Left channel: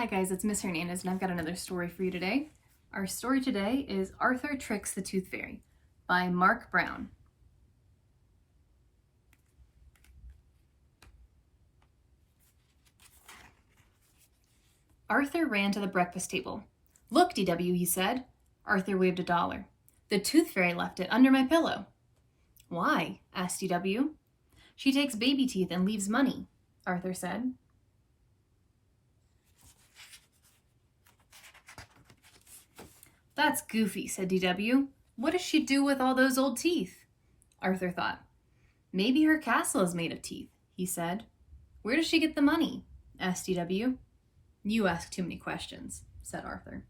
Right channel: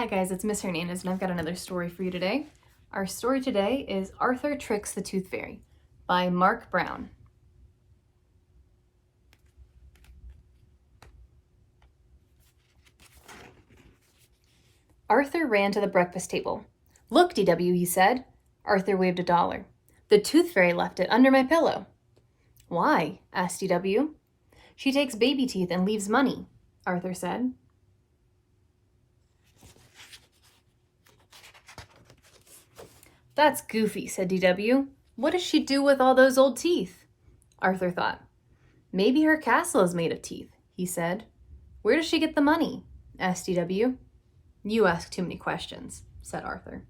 Hi guys, it's Miss Hernandez and I've got another story for you today. Our story today is Arthur Tricks the Tooth Fairy by Marc Brown. Arthur ran to the breakfast table. "Look, DW," he said. Arthur waved $1. "The Tooth Fairy left it under my pillow." "Why?" asked DW. "She takes baby teeth and leaves money," Arthur said. "That's goofy," said DW. "What does she do with all those old teeth?" Arthur thought. "Maybe her castle is made of teeth," he said. "Where does she get the money?" asked DW. "You ask too many questions," said Arthur.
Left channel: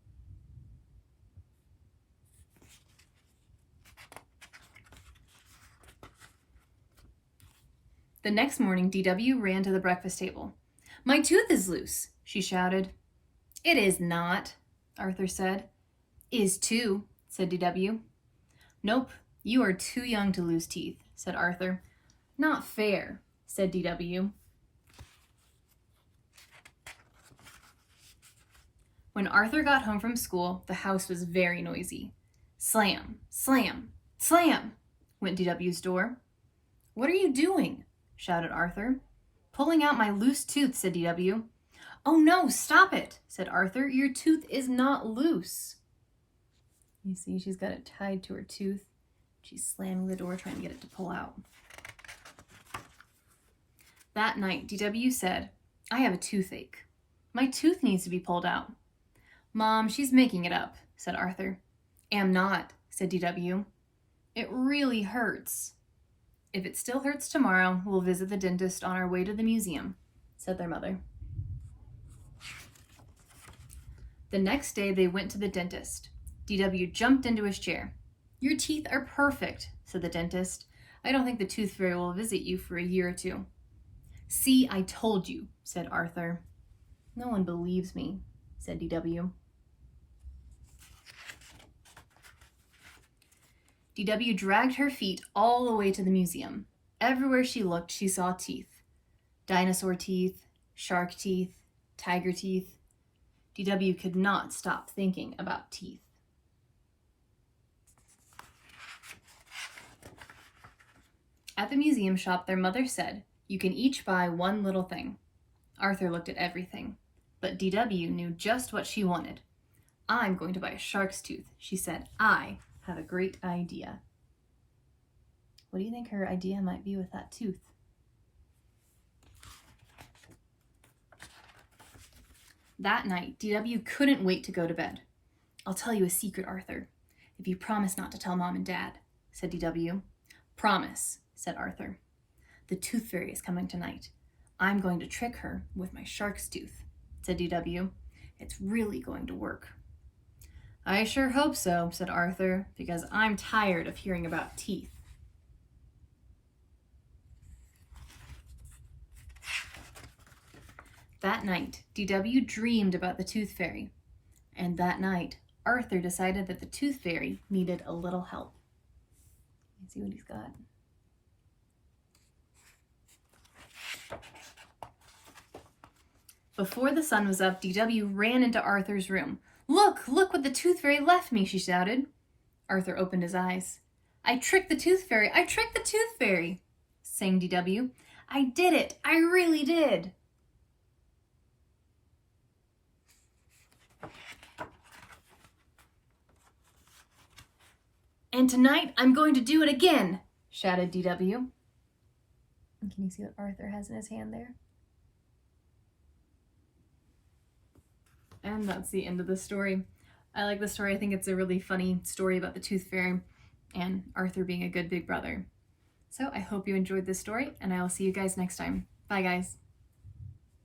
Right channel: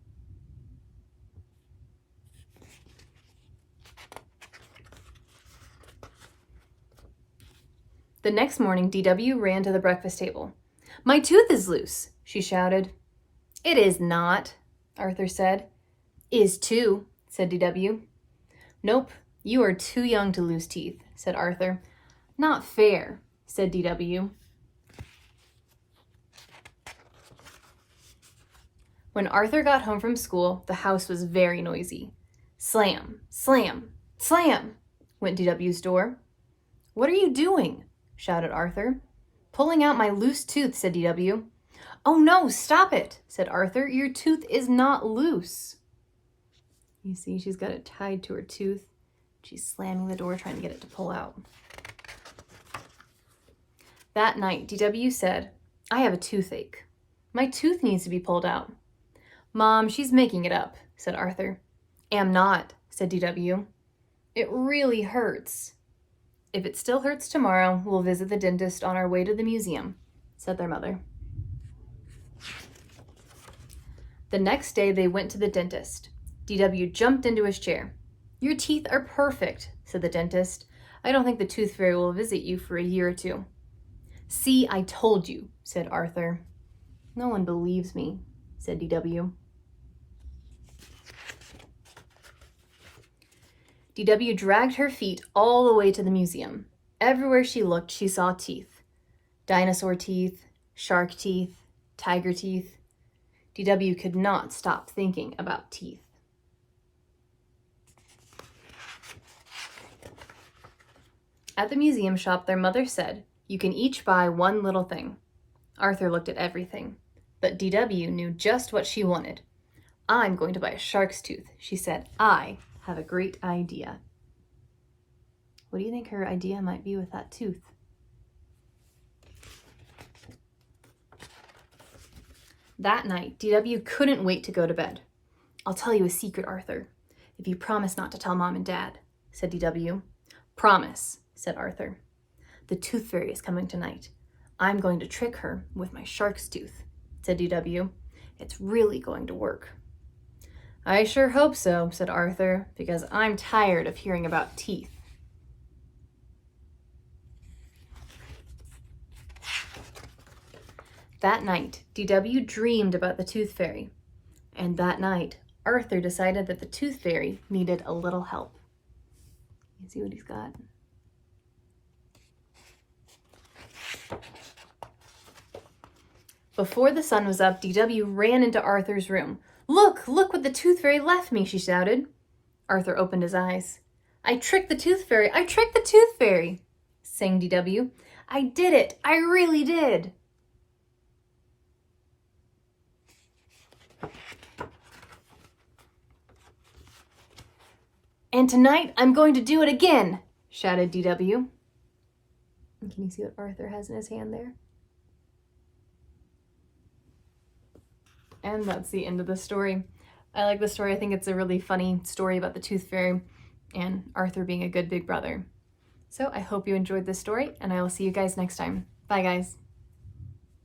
The next morning, DW ran to the breakfast table. "My tooth is loose," she shouted. "It is not," Arthur said. "Is too," said DW. "Nope, you are too young to lose teeth," said Arthur. "Not fair," said DW. When Arthur got home from school, the house was very noisy. Slam, slam, slam, went DW's door. "What are you doing?" shouted Arthur. "Pulling out my loose tooth," said DW. "Oh no, stop it," said Arthur. "Your tooth is not loose." You see, she's got it tied to her tooth. She's slamming the door, trying to get it to pull out. That night, DW said, "I have a toothache. My tooth needs to be pulled out." "Mom, she's making it up," said Arthur. "Am not," said DW. "It really hurts." "If it still hurts tomorrow, we'll visit the dentist on our way to the museum," said their mother. The next day, they went to the dentist. DW jumped into his chair. "Your teeth are perfect," said the dentist. "I don't think the Tooth Fairy will visit you for a year or two." "See, I told you," said Arthur. "No one believes me," said DW. DW dragged her feet all the way to the museum. Everywhere she looked, she saw teeth. Dinosaur teeth, shark teeth, tiger teeth. DW could not stop thinking about teeth. At the museum shop, their mother said, "You can each buy one little thing." Arthur looked at everything, but DW knew just what she wanted. "I'm going to buy a shark's tooth," she said. "I have a great idea." What do you think her idea might be with that tooth? That night, DW couldn't wait to go to bed. "I'll tell you a secret, Arthur, if you promise not to tell Mom and Dad," said DW. "Promise," said Arthur. "The Tooth Fairy is coming tonight. I'm going to trick her with my shark's tooth," said DW. "It's really going to work." "I sure hope so," said Arthur, "because I'm tired of hearing about teeth." That night, DW dreamed about the Tooth Fairy. And that night, Arthur decided that the Tooth Fairy needed a little help. You see what he's got? Before the sun was up, DW ran into Arthur's room. Look what the Tooth Fairy left me," she shouted. Arthur opened his eyes. "I tricked the Tooth Fairy! I tricked the Tooth Fairy!" sang DW. "I did it! I really did!" "And tonight, I'm going to do it again," shouted DW. Can you see what Arthur has in his hand there? And that's the end of the story. I like the story. I think it's a really funny story about the Tooth Fairy and Arthur being a good big brother. So I hope you enjoyed this story, and I will see you guys next time. Bye, guys.